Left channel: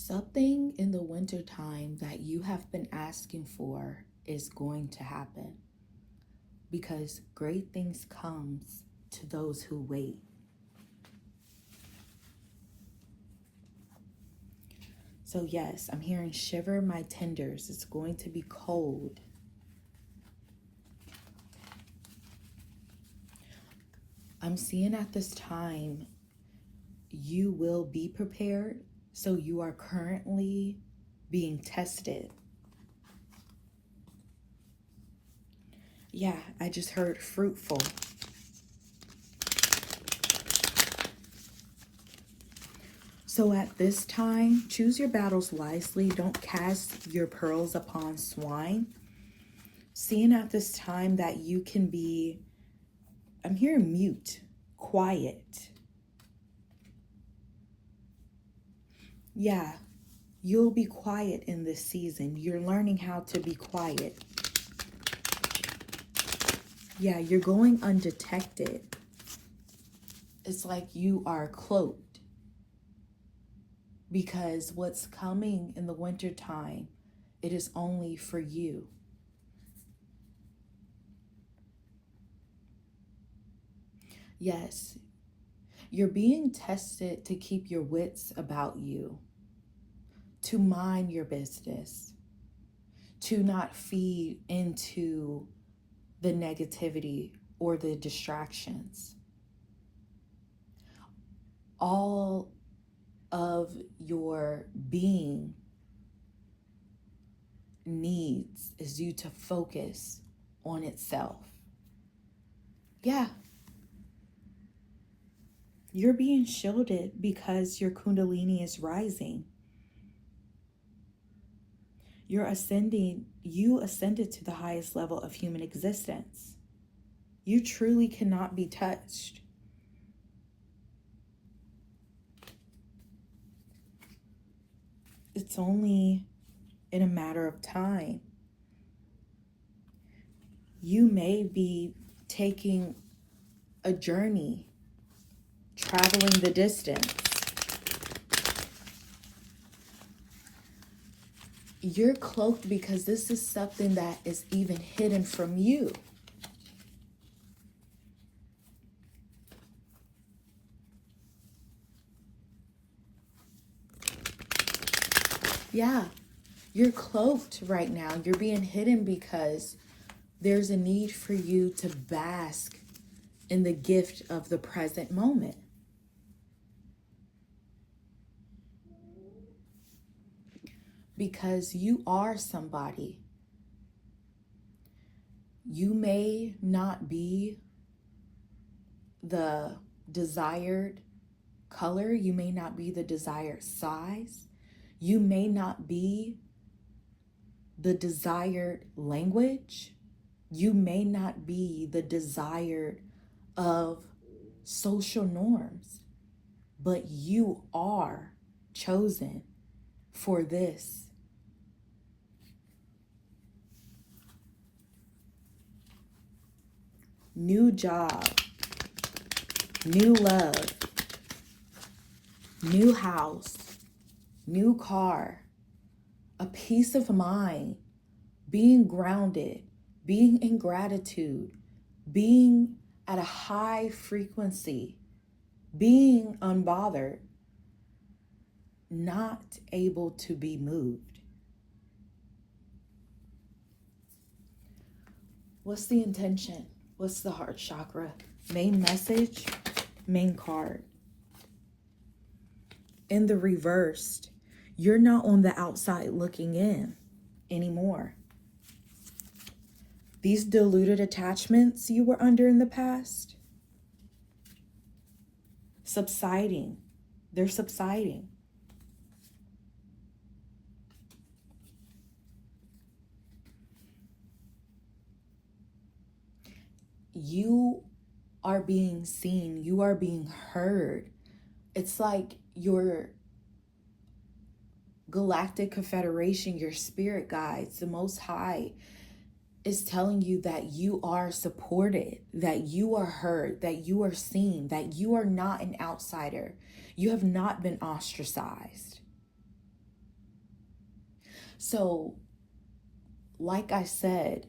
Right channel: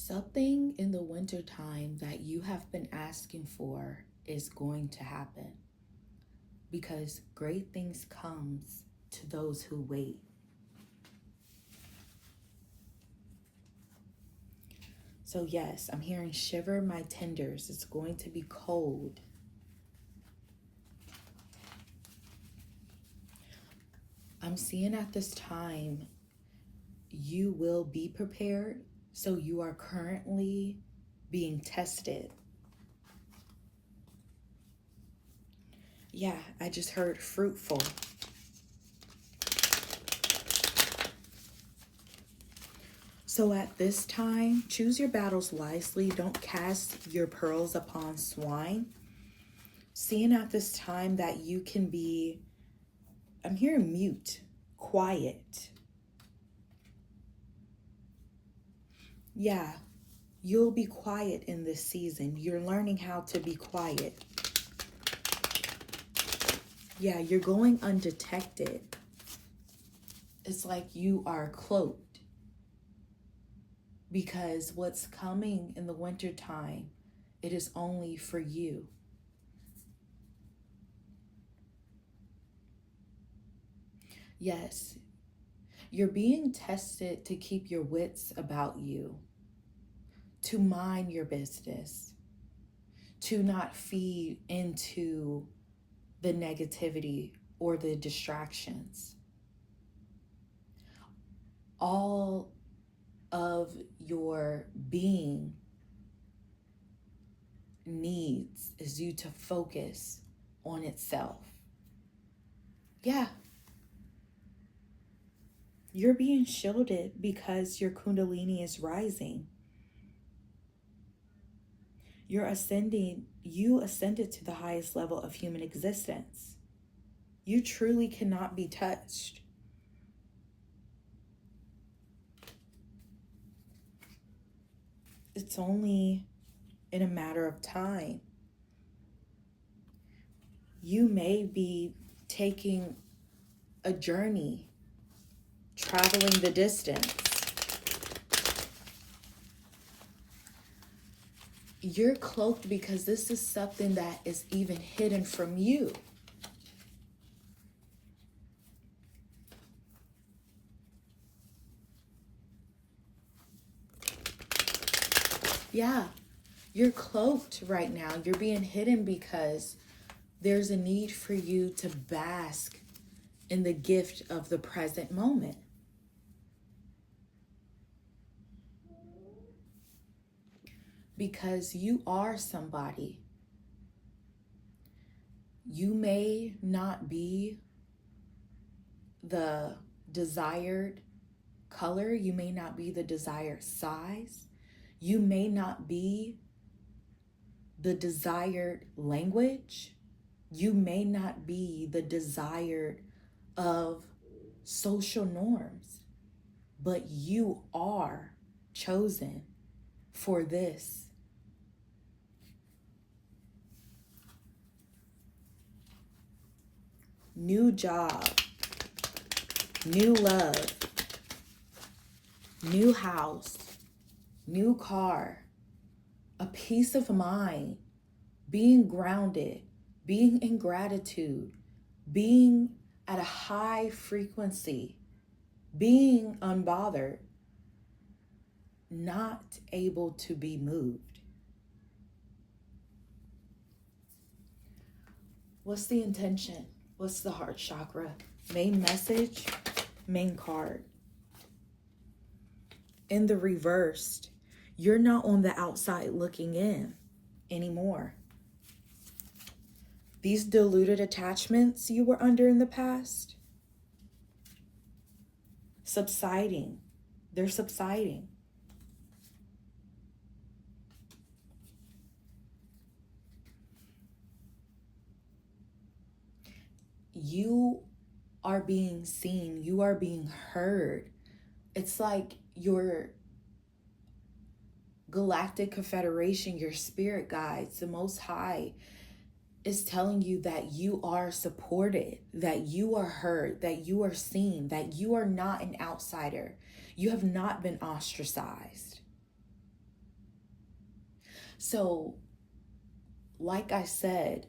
Something in the wintertime that you have been asking for is going to happen because great things comes to those who wait. So yes, I'm hearing shiver my tenders. It's going to be cold. I'm seeing at this time, you will be prepared. So you are currently being tested. Yeah, I just heard fruitful. So at this time, choose your battles wisely. Don't cast your pearls upon swine. Seeing at this time that you can be, I'm hearing mute, quiet. Yeah, you'll be quiet in this season. You're learning how to be quiet. Yeah, you're going undetected. It's like you are cloaked. Because what's coming in the wintertime, it is only for you. Yes, you're being tested to keep your wits about you, to mind your business, to not feed into the negativity or the distractions. All of your being needs is you to focus on itself. Yeah. You're being shielded because your Kundalini is rising. You ascended to the highest level of human existence. You truly cannot be touched. It's only in a matter of time. You may be taking a journey, traveling the distance. You're cloaked because this is something that is even hidden from you. Yeah, you're cloaked right now. You're being hidden because there's a need for you to bask in the gift of the present moment. Because you are somebody. You may not be the desired color. You may not be the desired size. You may not be the desired language. You may not be the desired of social norms, but you are chosen for this. New job, new love, new house, new car, a peace of mind, being grounded, being in gratitude, being at a high frequency, being unbothered, not able to be moved. What's the intention? What's the heart chakra? Main message, main card. In the reversed, you're not on the outside looking in anymore. These diluted attachments you were under in the past, subsiding. They're subsiding. You are being seen. You are being heard. It's like your Galactic Confederation, your spirit guides, the Most High is telling you that you are supported, that you are heard, that you are seen, that you are not an outsider. You have not been ostracized. So, like I said,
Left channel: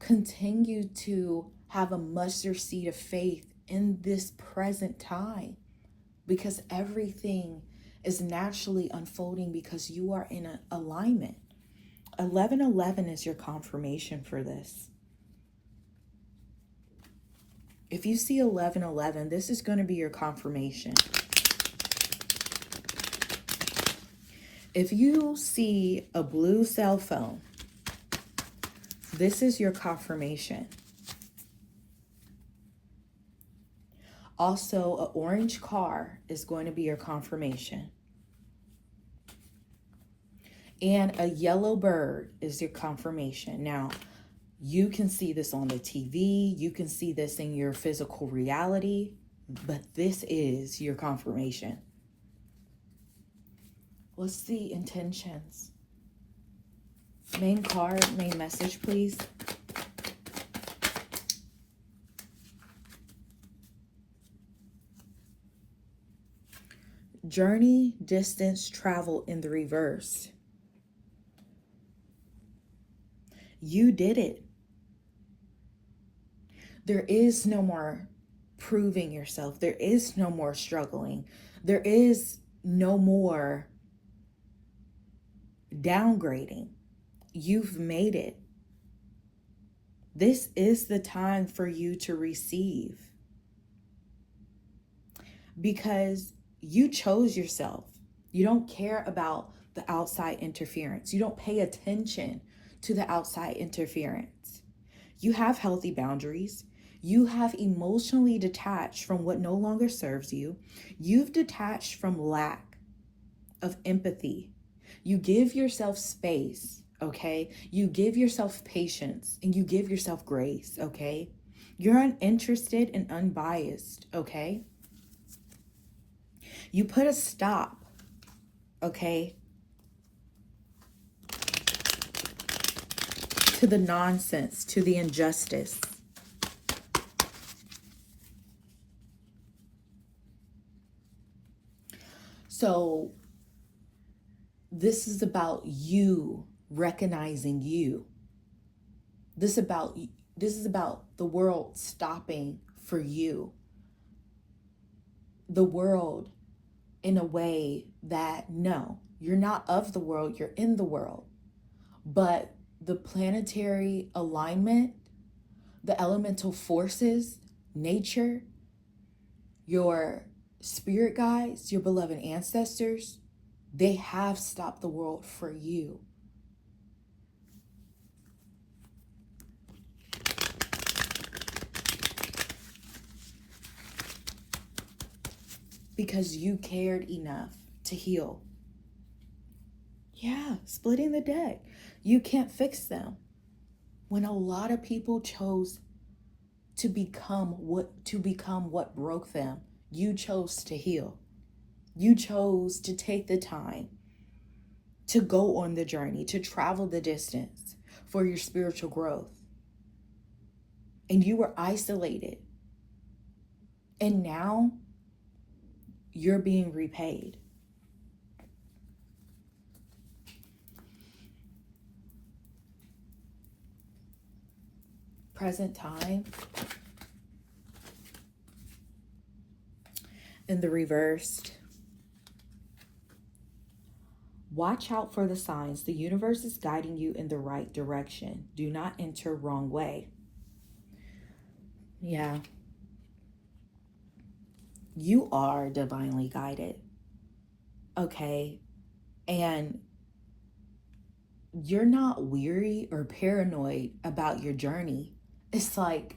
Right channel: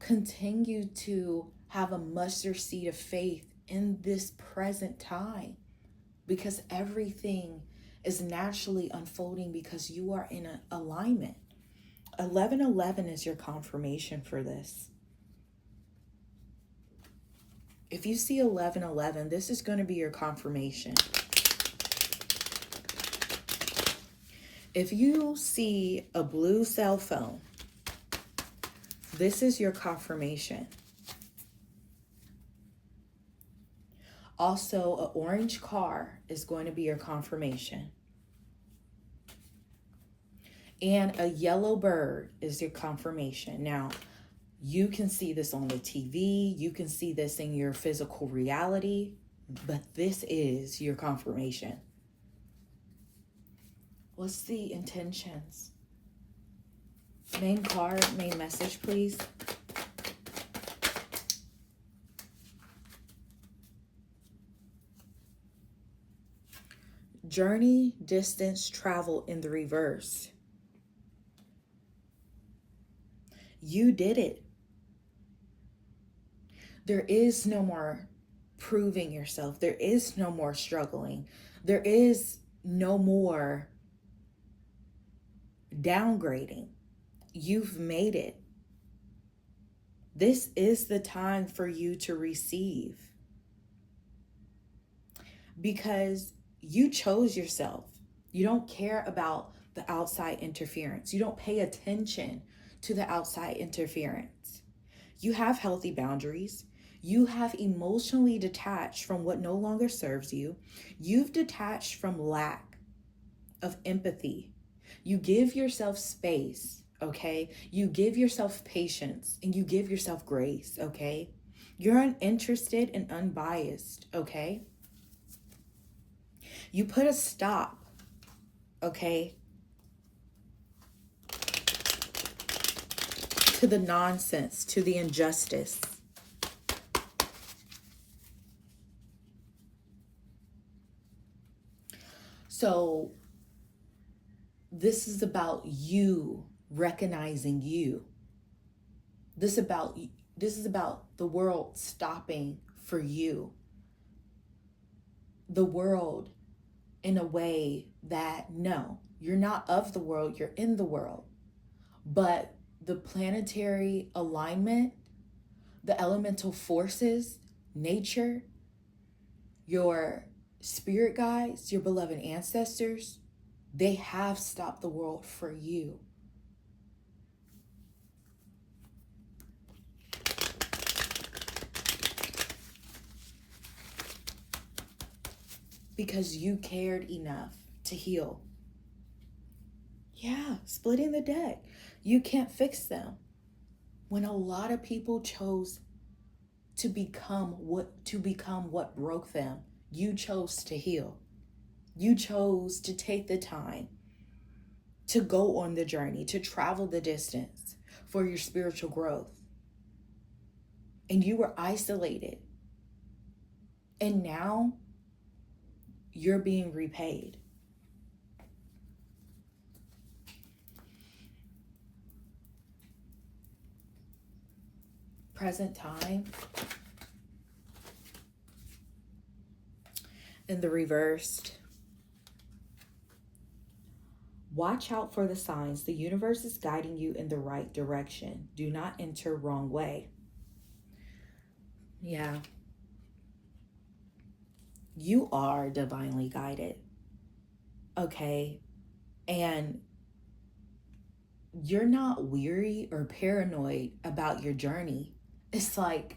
continue to have a mustard seed of faith in this present time, because everything is naturally unfolding because you are in an alignment. 1111 is your confirmation for this. If you see 1111, this is going to be your confirmation. If you see a blue cell phone, this is your confirmation. Also, an orange car is going to be your confirmation. And a yellow bird is your confirmation. Now, you can see this on the TV. You can see this in your physical reality. But this is your confirmation. What's the intentions? Main card, main message, please. Journey, distance, travel in the reverse. You did it. There is no more proving yourself. There is no more struggling. There is no more downgrading. You've made it. This is the time for you to receive, because you chose yourself. You don't care about the outside interference. You don't pay attention to the outside interference. You have healthy boundaries. You have emotionally detached from what no longer serves you. You've detached from lack of empathy. You give yourself space, okay? You give yourself patience, and you give yourself grace, okay? You're uninterested and unbiased, okay? You put a stop, okay, to the nonsense, to the injustice. So this is about you recognizing you. This is about the world stopping for you. The world in a way that, no, you're not of the world, you're in the world. But the planetary alignment, the elemental forces, nature, your spirit guides, your beloved ancestors, they have stopped the world for you. Because you cared enough to heal. Yeah, splitting the deck. You can't fix them. When a lot of people chose to become what broke them, you chose to heal. You chose to take the time to go on the journey, to travel the distance for your spiritual growth. And you were isolated. And now you're being repaid. Present time. In the reversed. Watch out for the signs. The universe is guiding you in the right direction. Do not enter wrong way. Yeah. You are divinely guided. Okay. And you're not weary or paranoid about your journey. It's like,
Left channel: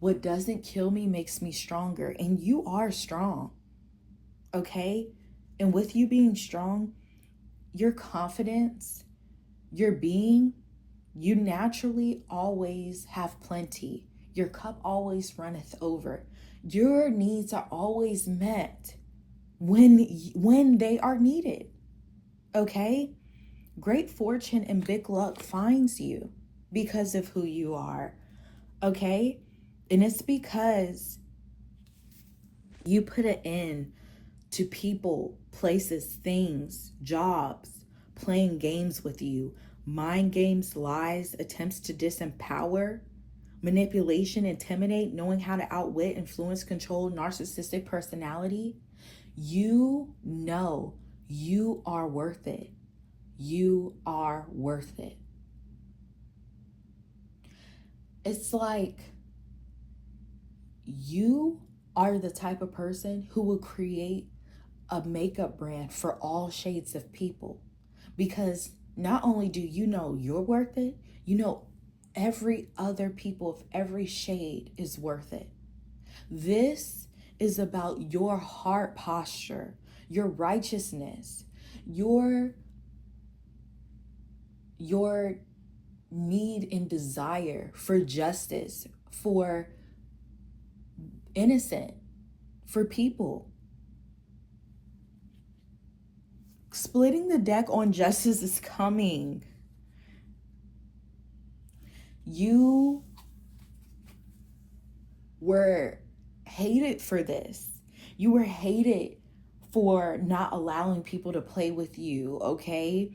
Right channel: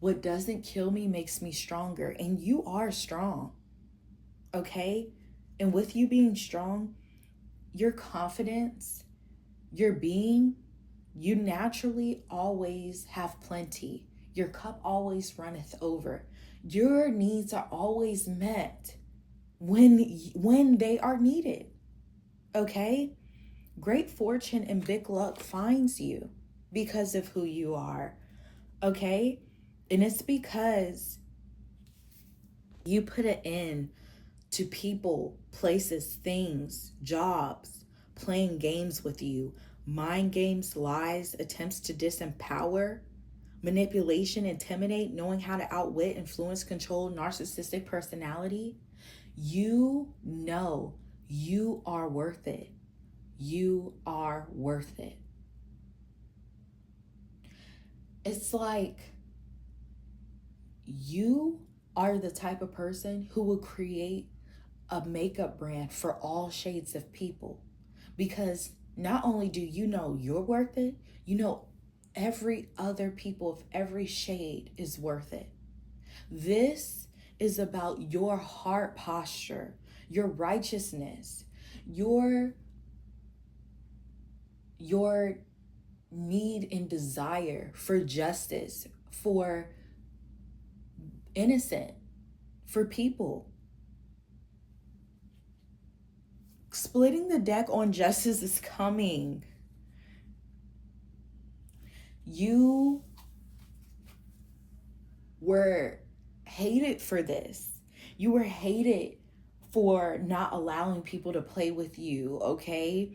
what doesn't kill me makes me stronger. And you are strong. Okay? And with you being strong, your confidence, your being, you naturally always have plenty. Your cup always runneth over. Your needs are always met when they are needed. Okay? Great fortune and big luck finds you because of who you are. Okay? And it's because you put an end to people, places, things, jobs, playing games with you, mind games, lies, attempts to disempower, manipulation, intimidate, knowing how to outwit, influence, control, narcissistic personality, you know you are worth it. You are worth it. It's like you are the type of person who will create a makeup brand for all shades of people, because not only do you know you're worth it, you know every other people of every shade is worth it. This is about your heart posture, your righteousness, your need and desire for justice, for innocent, for people. Splitting the deck on justice is coming. You were hated for this. You were hated for not allowing people to play with you, okay?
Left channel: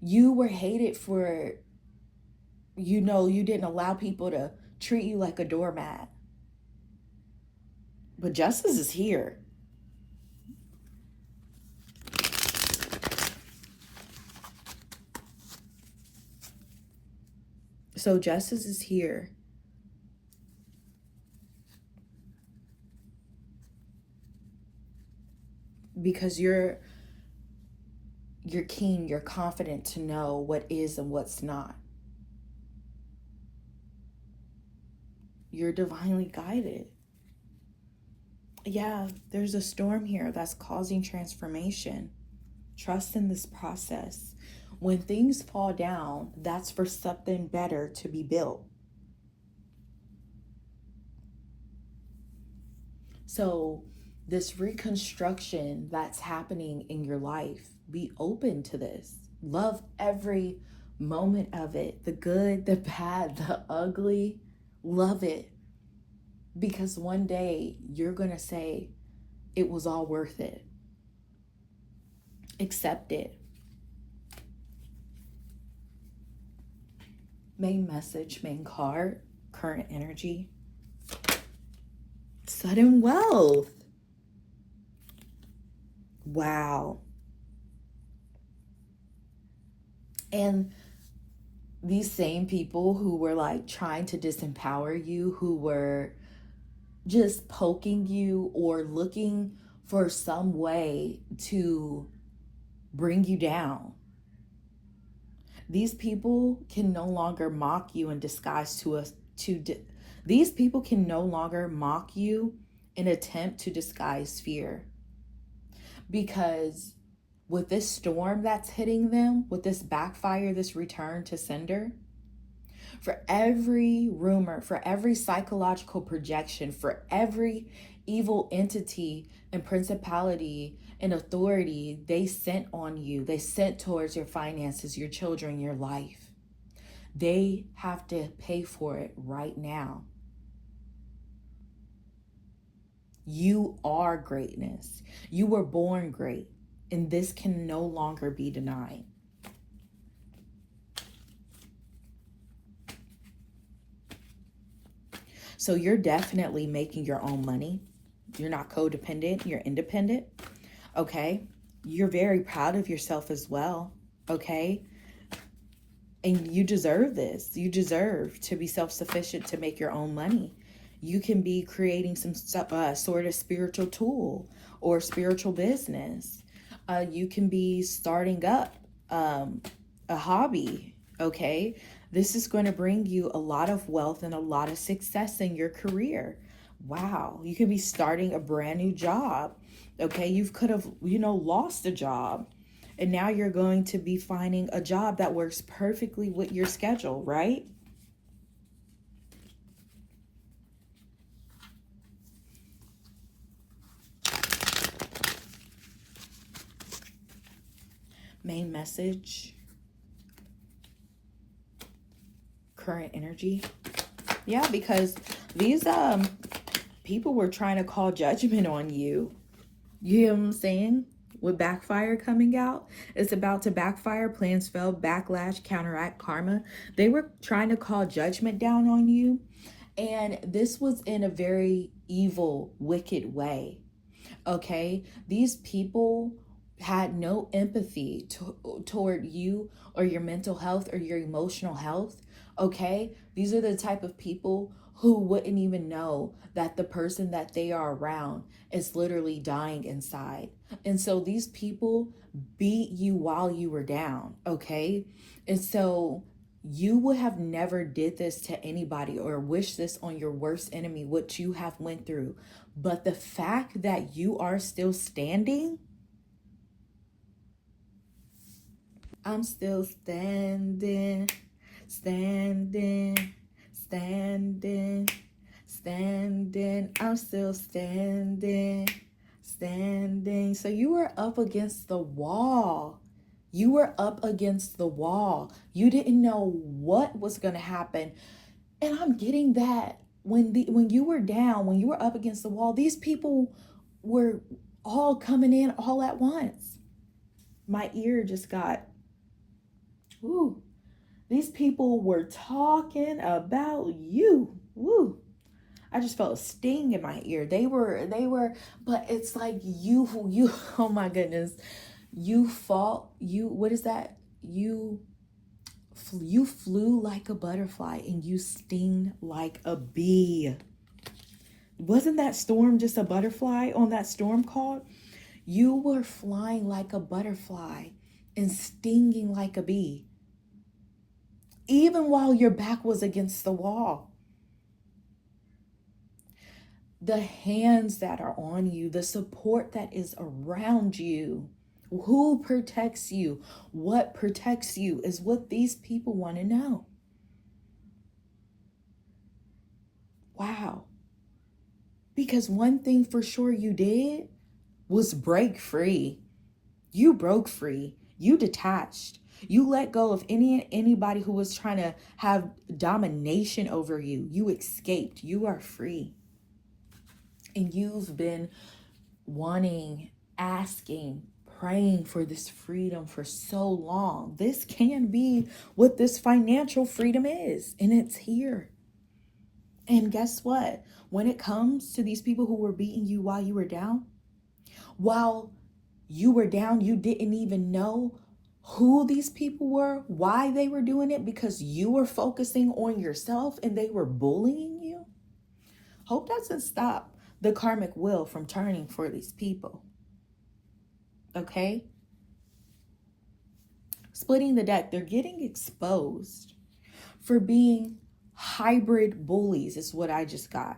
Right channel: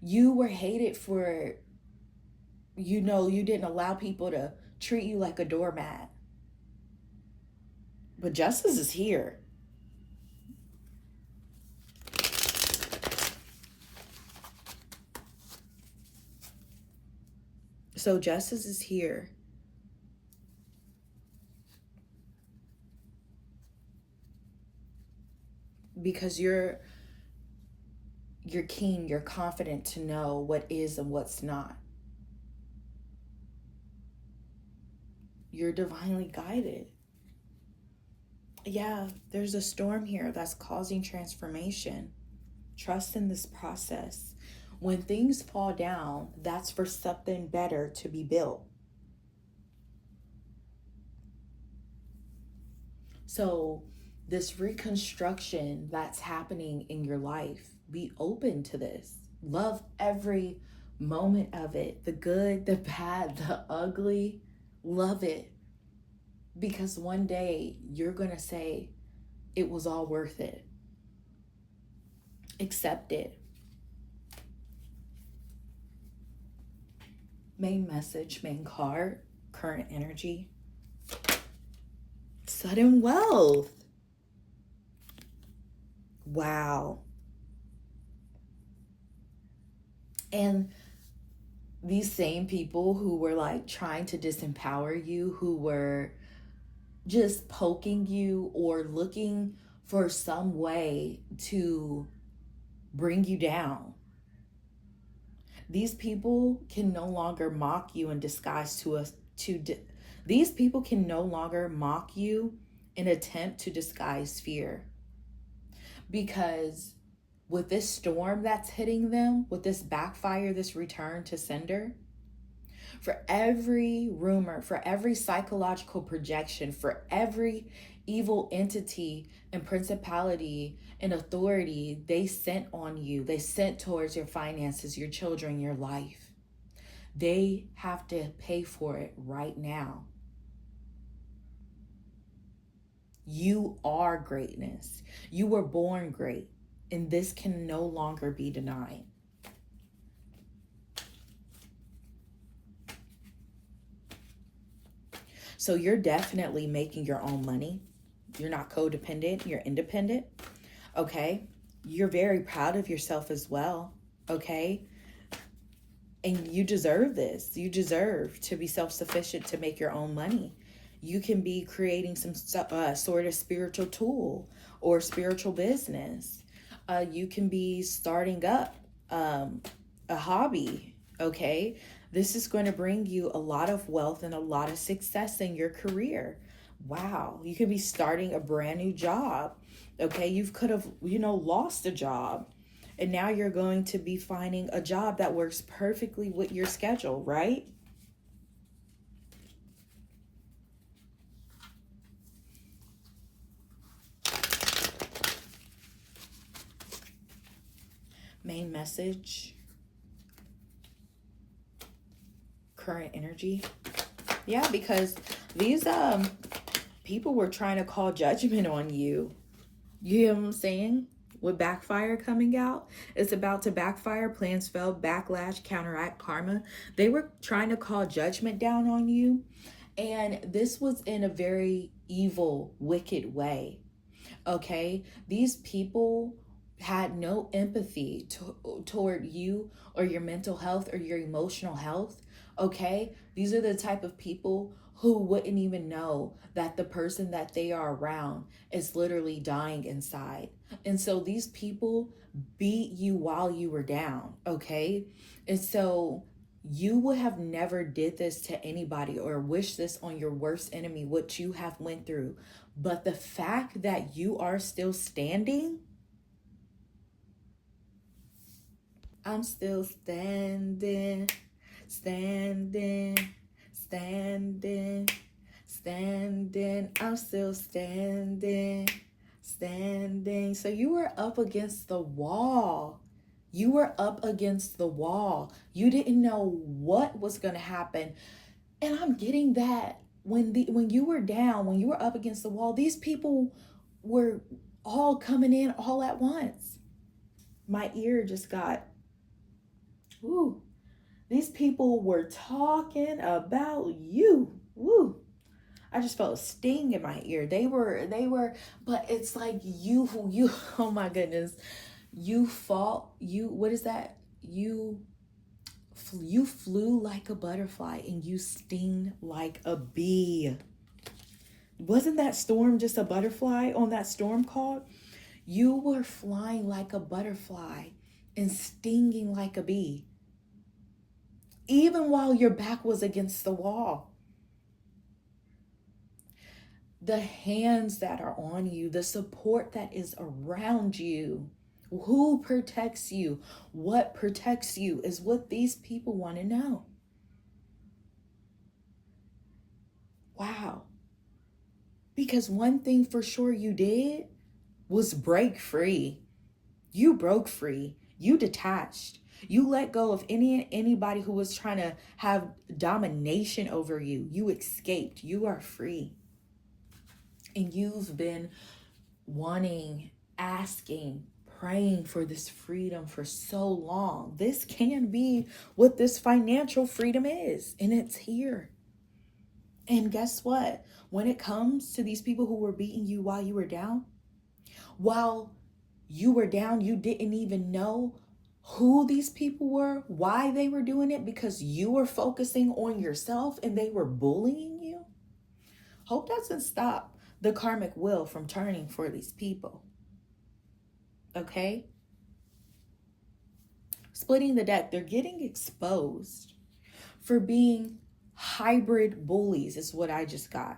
You were hated for, you didn't allow people to treat you like a doormat. But justice is here. So justice is here. Because you're keen, you're confident to know what is and what's not. You're divinely guided. Yeah, there's a storm here that's causing transformation. Trust in this process. When things fall down, that's for something better to be built. So this reconstruction that's happening in your life, be open to this. Love every moment of it, the good, the bad, the ugly. Love it. Because one day you're going to say, it was all worth it. Accept it. Main message, main card, current energy. Sudden wealth. Wow. And these same people who were like trying to disempower you, who were just poking you or looking for some way to bring you down, these people can no longer mock you in disguise these people can no longer mock you in attempt to disguise fear. Because with this storm that's hitting them, with this backfire, this return to sender, for every rumor, for every psychological projection, for every evil entity and principality and authority they sent on you, they sent towards your finances, your children, your life, they have to pay for it right now. You are greatness. You were born great, and this can no longer be denied. So you're definitely making your own money. You're not codependent, you're independent, okay? You're very proud of yourself as well, okay? And you deserve this. You deserve to be self-sufficient, to make your own money. You can be creating some sort of spiritual tool or spiritual business. You can be starting up a hobby, okay? This is going to bring you a lot of wealth and a lot of success in your career. Wow. You could be starting a brand new job, okay? You could have, lost a job, and now you're going to be finding a job that works perfectly with your schedule, right? Main message, current energy. Yeah, because these people were trying to call judgment on you. You know what I'm saying? with backfire coming out. It's about to backfire, plans fail, backlash, counteract, karma. They were trying to call judgment down on you. And this was in a very evil, wicked way. Okay? These people had no empathy toward you or your mental health or your emotional health. Okay? These are the type of people who wouldn't even know that the person that they are around is literally dying inside. And so these people beat you while you were down, okay? And so you would have never did this to anybody or wish this on your worst enemy, what you have went through. But the fact that you are still standing, I'm still standing, standing, standing, standing, I'm still standing, standing. So you were up against the wall. You were up against the wall. You didn't know what was going to happen. And I'm getting that when you were down, when you were up against the wall, these people were all coming in all at once. My ear just got, ooh. These people were talking about you. Woo. I just felt a sting in my ear. They were, but it's like you, oh my goodness. What is that? You flew like a butterfly and you sting like a bee. Wasn't that storm just a butterfly on that storm call? You were flying like a butterfly and stinging like a bee. Even while your back was against the wall. The hands that are on you, the support that is around you, who protects you, what protects you is what these people want to know. Wow. Because one thing for sure you did was break free. You broke free. You detached. You let go of anybody who was trying to have domination over you. You escaped. You are free. And you've been wanting, asking, praying for this freedom for so long. This can be what this financial freedom is. And it's here. And guess what? When it comes to these people who were beating you while you were down, you didn't even know who these people were, why they were doing it, because you were focusing on yourself and they were bullying you. Hope doesn't stop the karmic wheel from turning for these people. Okay? Splitting the deck, they're getting exposed for being hybrid bullies, is what I just got.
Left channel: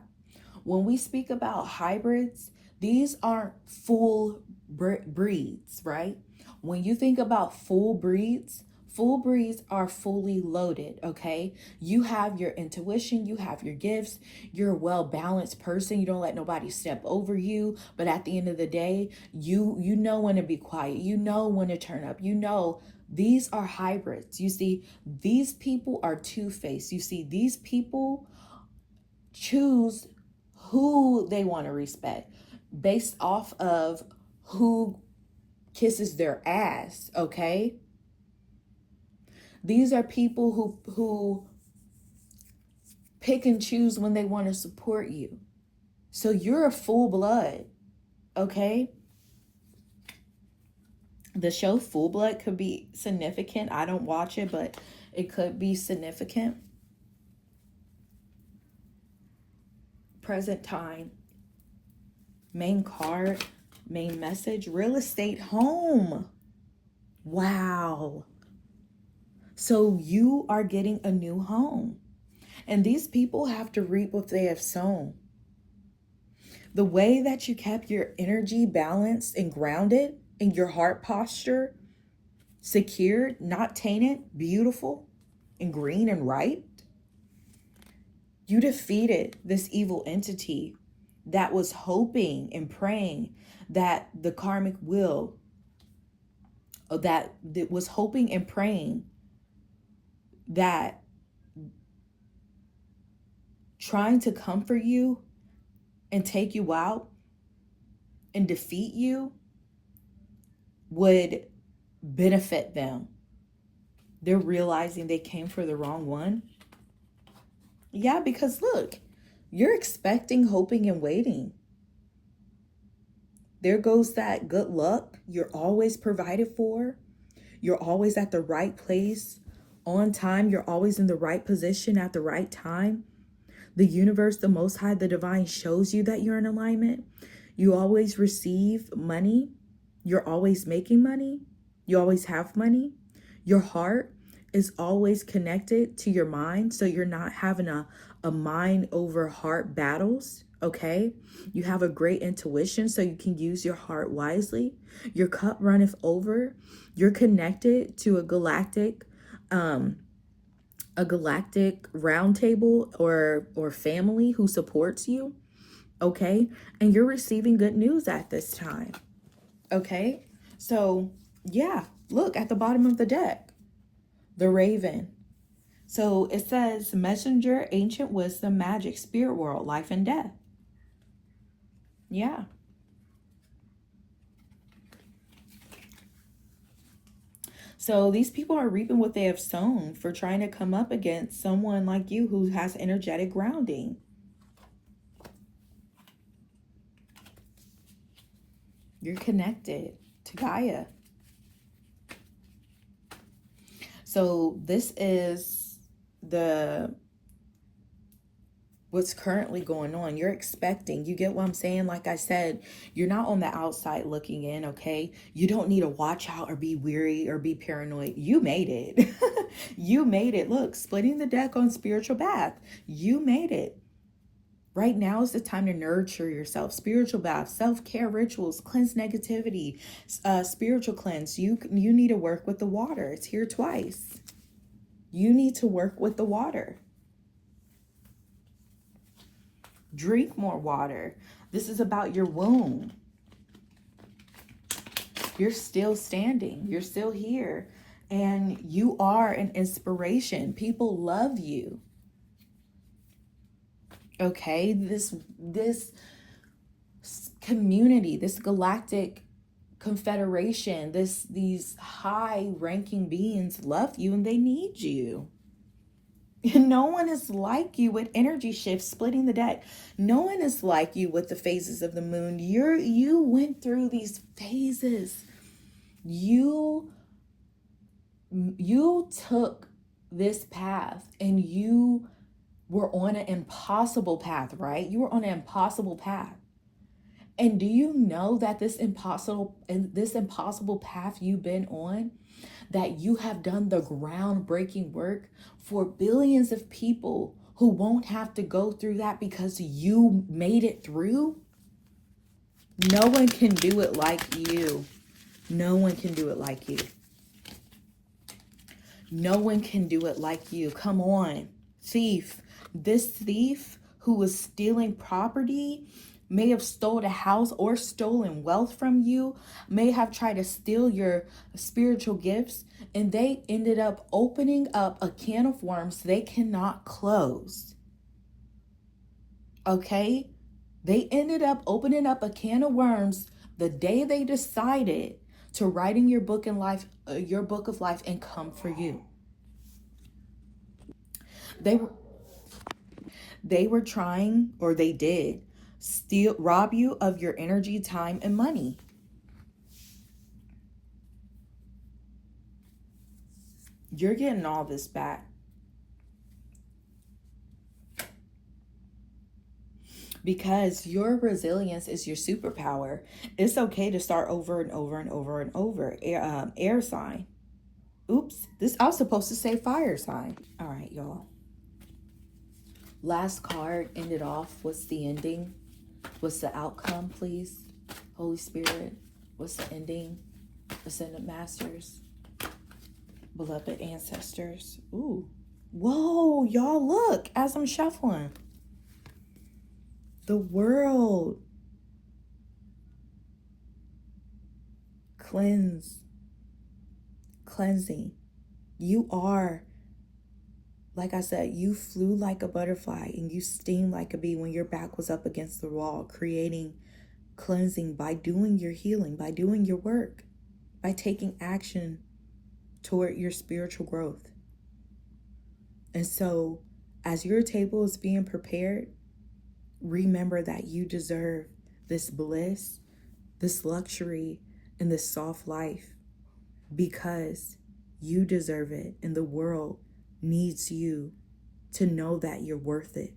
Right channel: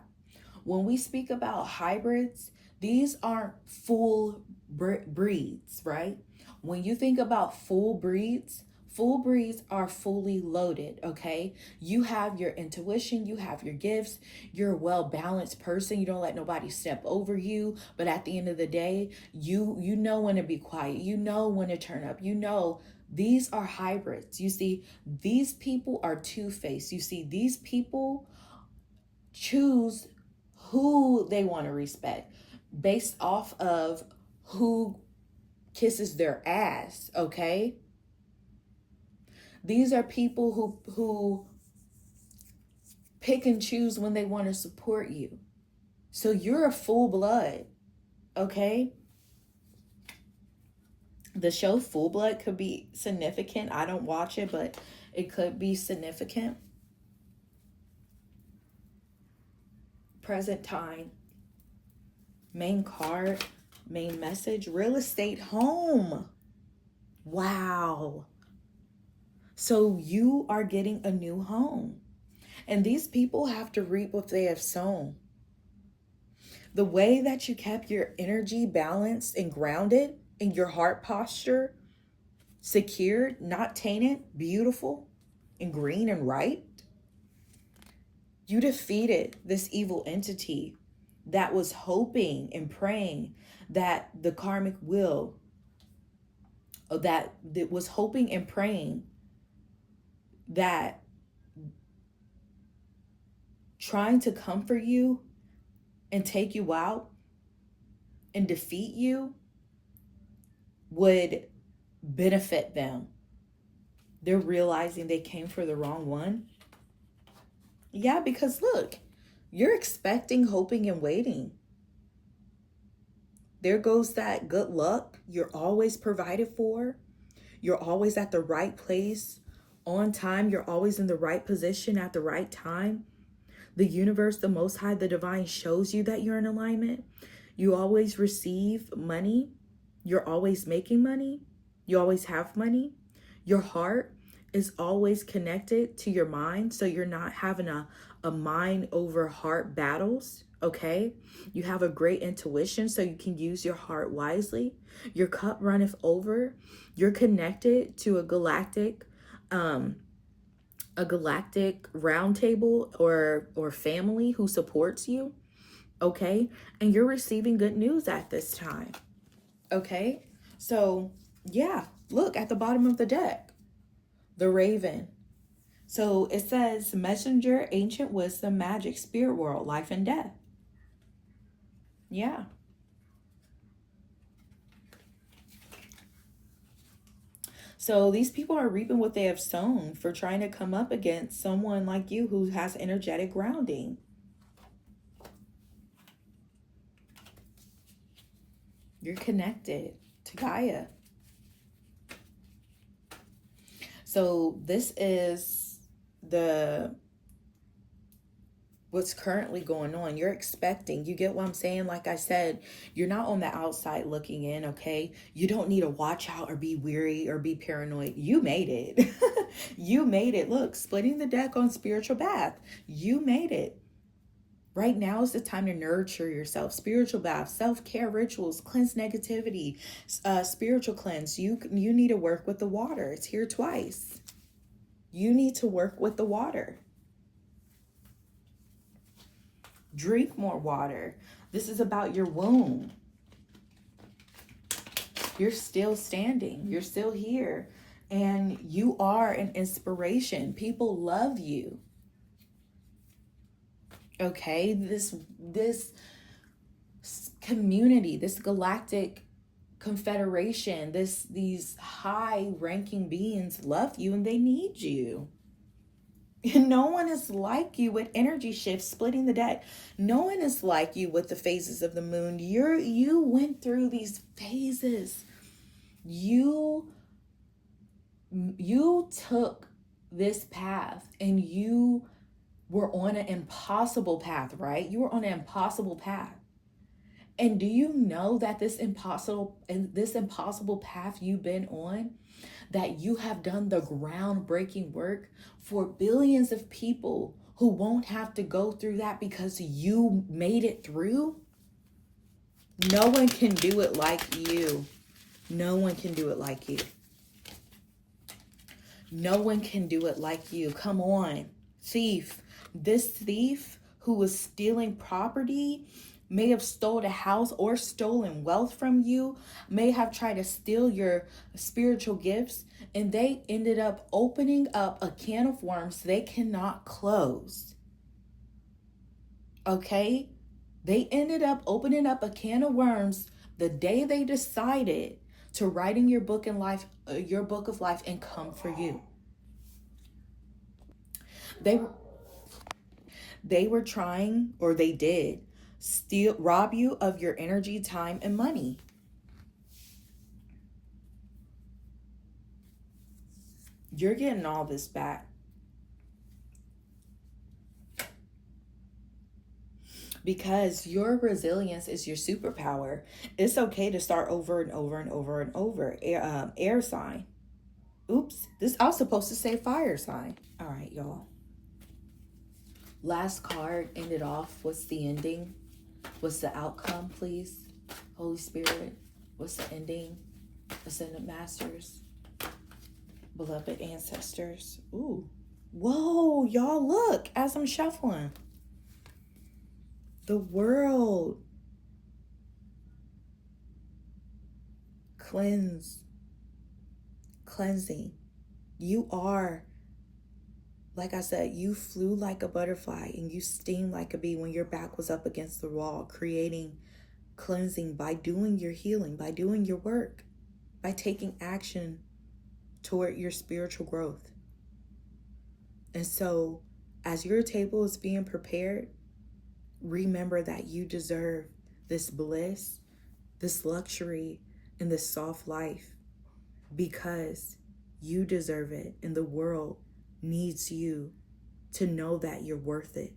When we speak about hybrids, these aren't full breeds, right? When you think about full breeds are fully loaded, okay? You have your intuition, you have your gifts, you're a well-balanced person, you don't let nobody step over you, but at the end of the day, you know when to be quiet, you know when to turn up, you know. These are hybrids. You see, these people are two-faced. You see, these people choose who they want to respect based off of who kisses their ass, okay? These are people who pick and choose when they want to support you. So you're a full blood, okay? The show Full Blood could be significant. I don't watch it, but it could be significant. Present time. Main card, main message, real estate home. Wow. So you are getting a new home. And these people have to reap what they have sown. The way that you kept your energy balanced and grounded, and your heart posture secured, not tainted, beautiful, and green and right, you defeated this evil entity that was hoping and praying that the karmic will, that was hoping and praying that trying to comfort you and take you out and defeat you would benefit them. They're realizing they came for the wrong one. Yeah, because look, you're expecting, hoping, and waiting. There goes that good luck. You're always provided for. You're always at the right place on time. You're always in the right position at the right time. The universe, the Most High, the divine shows you that you're in alignment. You always receive money. You're always making money. You always have money. Your heart is always connected to your mind. So you're not having a mind over heart battles. Okay. You have a great intuition, so you can use your heart wisely. Your cup runneth over. You're connected to a galactic round table or family who supports you. Okay. And you're receiving good news at this time. Okay. So yeah, look at the bottom of the deck, the Raven. So it says messenger, ancient wisdom, magic, spirit world, life and death. Yeah. So these people are reaping what they have sown for trying to come up against someone like you who has energetic grounding. You're connected to Gaia. So this is what's currently going on. You're expecting, you get what I'm saying? Like I said, you're not on the outside looking in, okay? You don't need to watch out or be weary or be paranoid. You made it. You made it. Look, splitting the deck on spiritual bath. You made it. Right now is the time to nurture yourself. Spiritual bath, self-care rituals, cleanse negativity, spiritual cleanse. You need to work with the water. It's here twice. You need to work with the water. Drink more water. This is about your womb. You're still standing. You're still here. And you are an inspiration. People love you. Okay? This community, this galactic confederation, these high-ranking beings love you and they need you. No one is like you with energy shifts, splitting the deck. No one is like you with the phases of the moon. You went through these phases. You took this path and you were on an impossible path, right? You were on an impossible path. And do you know that this impossible path you've been on, that you have done the groundbreaking work for billions of people who won't have to go through that because you made it through? No one can do it like you. No one can do it like you. No one can do it like you. Come on, thief. This thief who was stealing property may have stolen a house or stolen wealth from you, may have tried to steal your spiritual gifts, and they ended up opening up a can of worms they cannot close. Okay? They ended up opening up a can of worms the day they decided to write in your book of life and come for you. They were trying, or they did, rob you of your energy, time, and money. You're getting all this back. Because your resilience is your superpower. It's okay to start over and over and over and over. Air sign. Oops, I was supposed to say fire sign. All right, y'all. Last card ended off. What's the ending? What's the outcome, please? Holy Spirit, what's the ending? Ascended Masters, beloved ancestors. Ooh. Whoa, y'all, look as I'm shuffling. The world. Cleansing. You are, like I said, you flew like a butterfly and you sting like a bee when your back was up against the wall, creating cleansing by doing your healing, by doing your work. by taking action toward your spiritual growth. And so, as your table is being prepared, remember that you deserve this bliss, this luxury, and this soft life because you deserve it, and the world needs you to know that you're worth it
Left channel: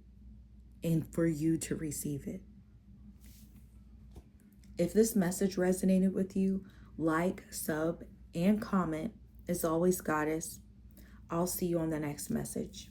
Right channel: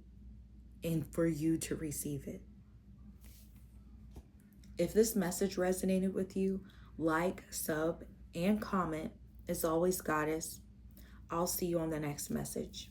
and for you to receive it. If this message resonated with you, like, sub, and comment. As always, Goddess, I'll see you on the next message.